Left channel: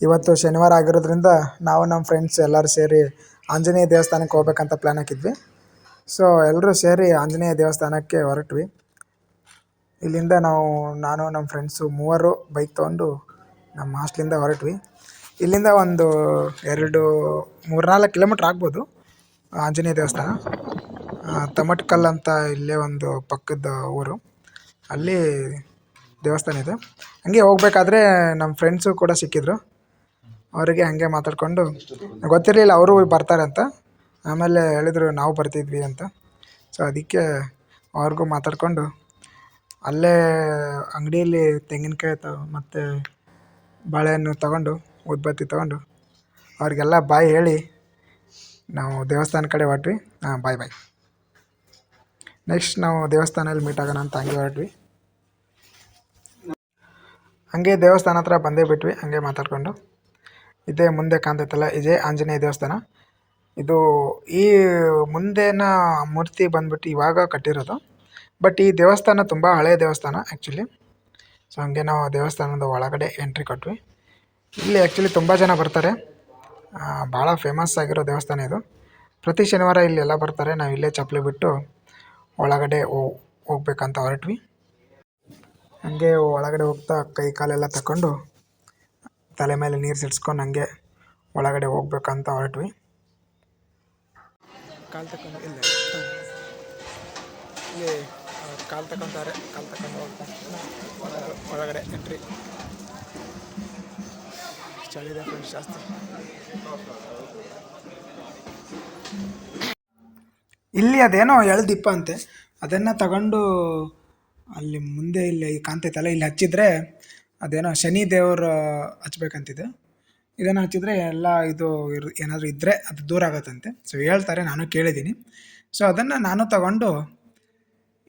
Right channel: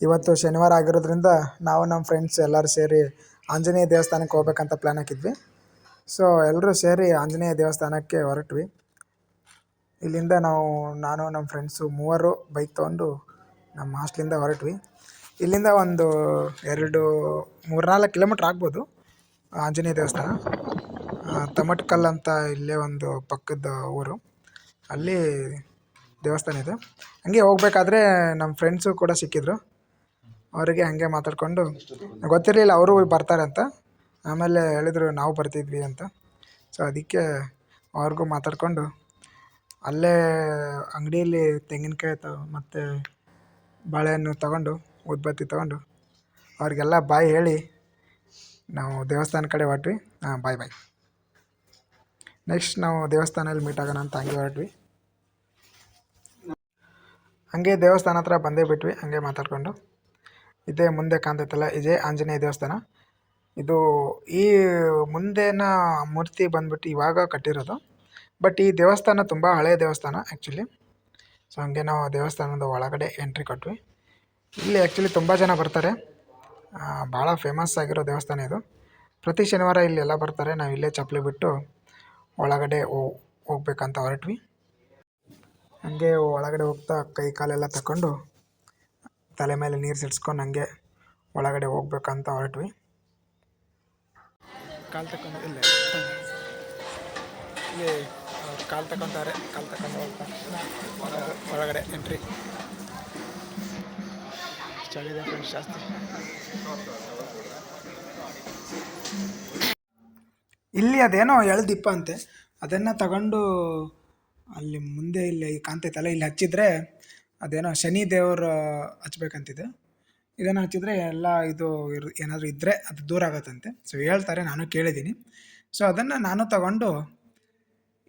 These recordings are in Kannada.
ಇವತ್ತು ಶನಿವಾರ ಆಗಿರೋದ್ರಿಂದ ನಾವು ನಮ್ಮ ಫ್ರೆಂಡ್ಸ್ ಎಲ್ಲರೂ ಸೇರಿ ಆಂಜನೇಯ ದೇವಸ್ಥಾನಕ್ಕೆ ಹೋಗ್ಬೇಕಂತ ಪ್ಲ್ಯಾನ್ ಹಾಕಿದ್ವಿ. ಸೊ ಎಲ್ಲರೂ ಸೇರಿ ಆಂಜನೇಯ ದೇವಸ್ಥಾನಕ್ಕೆ ಹೊರಟ್ವಿ. ಇಲ್ಲಿಂದ ನಾನು ನಮ್ಮ ಫ್ರೆಂಡ್ಸು ಮೂವರು ಬೈಕ್ ತೊಗೊಂಡು ನಮ್ಮ ಹಾಸ್ಟ್ಲಿಂದ ಹೊರಟ್ವಿ. ಇಲ್ಲಿಂದ ಒಂದು 3-4 ಕಿಲೋಮೀಟ್ರ್ ಆಗ್ಬೋದು ಆಂಜನೇಯ ದೇವಸ್ಥಾನ. ತಮಟ್ಕಲ್ ಅಂತ ಇಲ್ಲೇ ಒಂದು ಪಕ್ಕದ ಊರು, ಅಲ್ಲಿ ದೇವಸ್ಥಾನ ಇದೆ. ಹಂಗೆ ಹೋಗ್ಬೇಕಾದ್ರೆ ನಮ್ಮ ಫ್ರೆಂಡ್ಸು ಕೂಡ ಸಿಕ್ಕಿದ್ರು. ಅವರಿಗೆ ಹಾಗೆ ಮಾತಾಡಿಕೊಂಡು, ಗೊತ್ತಿರಲಿಲ್ಲ ಅವರು ಬರ್ತಾರೆ ಅಂತ. ಆಮೇಲೆ ಹೇಳಿದ್ರು ನಾವು ಬರ್ತಿದ್ವಿ ಅಂತ. ಸೊ ಅದಕ್ಕೆ ಅವ್ರಿಗೂ ಮಾತಾಡಿಕೊಂಡು ಅಲ್ಲೇ ಅಂಗಡಿಯಲ್ಲಿ ತೆಂಗಿನಕಾಯಿ ಮತ್ತು ಬಾಳೆಹಣ್ಣು ತೊಗೊಂಡು ಉದ್ಬತ್ತಿ ತೊಗೊಂಡು ಅವ್ರಿಗೆಲ್ಲ ಬಾಯ್ ಹೇಳಿ ನಾವು ದೇವಸ್ಥಾನ ಕಡೆ ಹೊರಟ್ವಿ. ಬಾಯ್. ನೆಕ್ಸ್ಟ್ ನಾವು ದೇವಸ್ಥಾನದಲ್ಲಿ ಮೀಟ್ ಆಗೋಣ ಅಂತ ಹಂಗೆ ಹೊರಟ್ವಿ. ಹಂಗೆ ದೇವಸ್ಥಾನ ಹತ್ರ ಬಂದೇ ಬಿಟ್ವಿ. ಹಂಗೆ ಮಾತಾಡಿಕೊಂಡು ಇದೇ ಮುಂದೆ ಕಾಣ್ತೈತಲ್ಲ, ಇದೇ ಆಂಜನೇಯ ದೇವಸ್ಥಾನ. ಇದು ಈ ಮುಂದಿನ ಮೂರ್ತಿ ಬಂದ್ಬಿಟ್ಟು ಇವಾಗ ಕಟ್ಟಿರೋದು. ಬಟ್ ಈ ದೇವಸ್ಥಾನ ತುಂಬ ಹಳೆಯ ದೇವಸ್ಥಾನ ಆ್ಯಕ್ಚುಲಿ. ಸೊ ಹಂಗೆ ನಾವು ದೇವಸ್ಥಾನದ ಒಳಗಡೆ ಎಂಟ್ರಿ ಕೊಟ್ವಿ. ಇಲ್ಲಿ ಆ್ಯಕ್ಚುಲಿ ತುಂಬ ಜನ ಬರ್ತಾರೆ. ಭಾಳ ಫೇಮಸ್ ಆಗಿರೋ ದೇವಸ್ಥಾನ ಇದು. ಪ್ರತಿ ಶನಿವಾರ ಇಲ್ಲೆಲ್ಲ ಬರ್ತಾರೆ. ನಾವು ಇಲ್ಲೇ ಚಪ್ಪಲಿ ಬಿಟ್ಟು ಒಳಗಡೆ ಹೋಗ್ಬೇಕಂತ ಹೊರಟ್ವಿ. ಹಂಗೆ ಒಳಗಡೆ ಹೋಗ್ತಾ ಕೈ ಕಾಲೆಲ್ಲ ತಗೊಂಡು ತಲೆ ಮೇಲೆ ನೀರು ಸಿಡ್ಸ್ಕೊಂಡು ಹಂಗೆ ಒಳಗಡೆ ಹೋಗ್ಬೇಕಂತ ಹೊರಟ್ವಿ. ಕಾಲು ತಗೊಂಡು ಇಲ್ಲಿ ಕಾಲು ತಗೊಂತಾರೆ. ಕಾಲು ತಗೊಂಡು ಹೋಗ್ತಾ ಒಳಗಡೆ ಎಂಟ್ರಿ. ಚಳಿದೆ ಫ್ರೆಂಡ್ಸ್ ಜಾಸ್ತಿ. ಇಲ್ಲಿ ಅದೇನೋ ಎಳ್ದಿಪ್ಪ ಅಂತೆ, ಅದನ್ನು ತಗೊಂಡು ಅಲ್ಲಿ ಮುಂದೆ ಇಲ್ಲಿ ಕಾಣ್ತೈತಲ್ಲ, ಇಲ್ಲಿ ಹಚ್ಚಿದ್ರೆ ಅದೇನೋ ಶನಿ ದೇವರು ಹಚ್ಬೇಕಂತಿದೆ. ಇದನ್ನು ಹಚ್ಚಿದ್ರೆ ಎಲ್ಲ ಇದು ಏನಾದರೂ ಇದ್ದರೆ ಅದು ದೂರ ಆಗುತ್ತಂತೆ. ಸೊ ಹೇಳ್ತಾರೆ, ನಾನು ಕೇಳಿದ್ದೀನಿ. ಸೊ ಅದನ್ನು ನಾನು ತಗೊಂಡು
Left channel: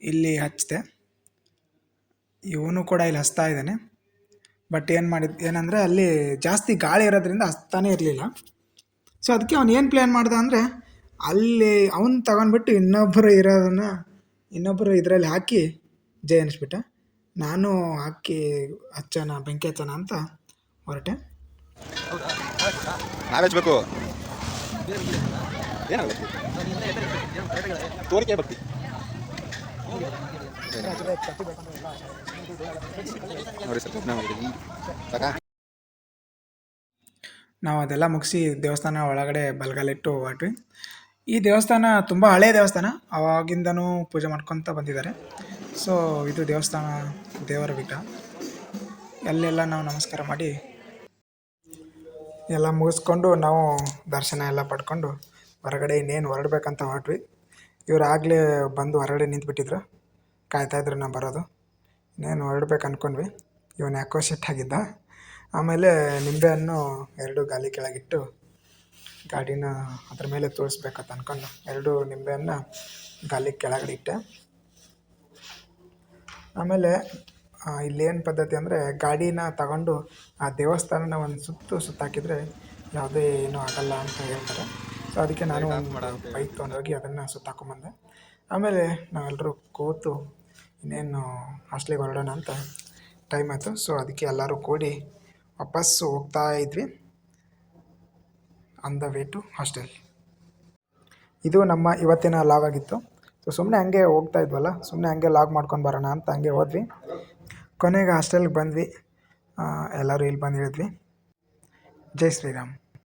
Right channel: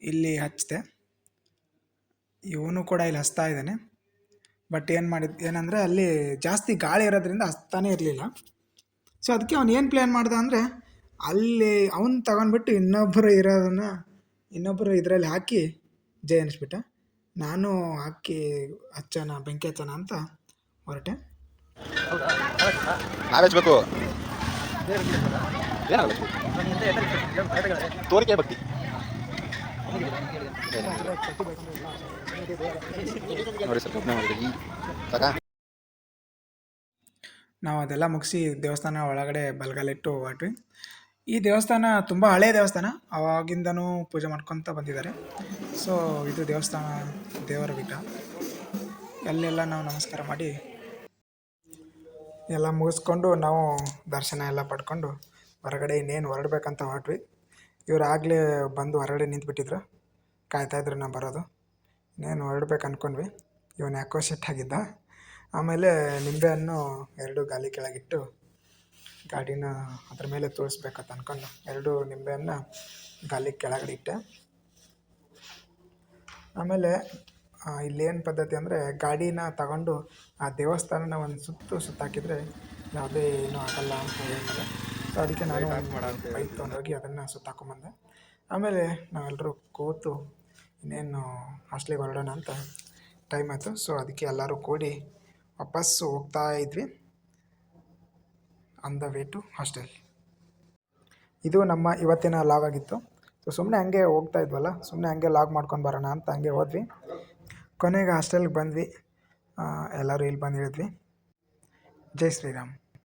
ಇಲ್ಲಿ ಹಚ್ಚಿದೆ. ಇವನು ಕೂಡ ಇಲ್ಲಿ ಹಚ್ತಾ ಇದ್ದಾನೆ. ಬಟ್ ಏನಂದರೆ ಅಲ್ಲಿ ಜಾಸ್ತಿ ಗಾಳಿ ಇರೋದ್ರಿಂದ ಹಚ್ತಾನೇ ಇರಲಿಲ್ಲ. ಸೊ ಅದಕ್ಕೆ ಅವ್ನು ಏನು ಪ್ಲ್ಯಾನ್ ಮಾಡ್ದೆ ಅಂದರೆ, ಅಲ್ಲಿ ಅವನು ತಗೊಂಡ್ಬಿಟ್ಟು ಇನ್ನೊಬ್ಬರು ಇದರಲ್ಲಿ ಹಾಕಿ ಜೈ ಅನ್ನಿಸ್ಬಿಟ್ಟ. ನಾನು ಹಾಕಿ ಬೆಂಕಿ ಹಚ್ಚೋಣ ಅಂತ ಹೊರಟೆ. ನಾವೆಚ್ಚಬೇಕು ಏನಾಗಬೇಕು ತೋರಿಕೆ ಭಕ್ತಿ. ನೋಡಿ ಸರ್, ನಾವು ಅದೆಲ್ಲ ಮುಗಿಸಿ ದೇವಸ್ಥಾನ ಒಳಗಡೆ ಬಲಗಾಲಿಟ್ಟು ಹೊರಟ್ವಿ. ಈ ದೇವಸ್ಥಾನ ತುಂಬ ಹಳೆಯ ದೇವಸ್ಥಾನ, ಆವಾಗಿಂದನೂ ಪೂಜೆ ಮಾಡ್ಕೊತ ಬಂದಿದ್ದಾರೆ. ಸೊ ಇದು ದೇವಸ್ಥಾನ, ದೇವರ ಬೆಟ್ಟ. ಅಲ್ಲೆಲ್ಲ ನಾವು ನಮಸ್ಕಾರ ಮಾಡಿ ಎಲ್ಲ ಮುಗಿಸ್ಕೊಂಡು ನಾವು ದರ್ಶನ ಎಲ್ಲ ಪಡ್ಕೊಂಡು ಹೊರಗಡೆ ಇನ್ನೇನು ಹೊರಡ್ಬೇಕಂತ ಹೊರಟ್ವಿ. ಇವ್ರು ಆಗಲೇ ಬಂದು ಹೊರಗಡೆ ನಿಂತುಬಿಟ್ಟಿದ್ರು, ಕಾಯ್ತಾಯಿದ್ರು ನಾವು ಬರೋದು. ಇನ್ನೇನು ಹೊರಡ್ಬೇಕು ಅಂದ್ಕೊಂಡ್ವಿ. ಇವನು ಯಾಕೋ ಸಿಟ್ಟಾಗಿದ್ದ. ಆಮೇಲೆ ನಿಂಬೆಹಣ್ಣು 2 ಗಾಲಿ ಕೆಳಗಿಟ್ಟು ಗಾಡಿನ ಅದ್ರ ಮೇಲೆ ತೋರಿಸ್ಬೇಕಂತ ಅಂದ್ಕೊಂಡು 2 ನಿಂಬೆಹಣ್ಣು ಗಾಲಿ ಕೆಳಗಡೆ ಇಟ್ಟೆ. ಆಮೇಲೆ ಇಲ್ಲೇನು ಪದ್ಧತಿ ಅಂದರೆ, ಗಾಡಿನ ತಗೊಂಡು ಆ ದೇವಸ್ಥಾನನ ಒಂದು ಸುತ್ತಾಕಿದರೆ ಯಾವುದೇ ಏನೂ ಆಗಲ್ಲ ಅಂತ ಹೇಳ್ತಾರೆ. ಸೊ ಅದಕ್ಕೆ ನಾನು ಬೈಕ್ ತೊಗೊಂಡೋಗಿ ಅದನ್ನು ಸುತ್ತಾಕೊಂಬಂದೆ. ಆಮೇಲೆ ನಾವೆಲ್ಲರೂ ಕೂತು ಇನ್ನೇನು ಹಾಸ್ಟ್ಲಿಗೆ ಹೊರಡೋಣ ಅಂತ ಟೈಮ್ ಆಯಿತು. ಸೊ ಅದಕ್ಕೆ ಎಲ್ಲರೂ ಕೂಡಿ ವಾಪಸ್ಸು ಹೋಗ್ತಾ ಇದ್ವಿ on the way to hostel. ಇದು ನಮ್ಮ ಇವತ್ತಿನ ಲಾಗ್ ಆಗಿತ್ತು. ಸೊ ಸುಮ್ಮನೆ ಹಂಗೆ ಹೋಗ್ತಾ ಇದ್ವಲ್ಲ, ಸುಮ್ಮನೆ ಹಂಗೆ ಲಾಗ್ ಮಾಡ್ಕೊಂಡು ಬರೋಣ ಅಂತ ಹಂಗೆ ಹೋದ್ವಿ. ಕೊನೆಗೆ ಹಾಸ್ಟೆಲ್ಗೆ ಬಂದ್ವಿ. ಎಲ್ಲರೂ ಇಲ್ಲಿ ಬಂದು ಹೇಳಿದ್ವಿ. ಜೈ ಶ್ರೀರಾಮ್.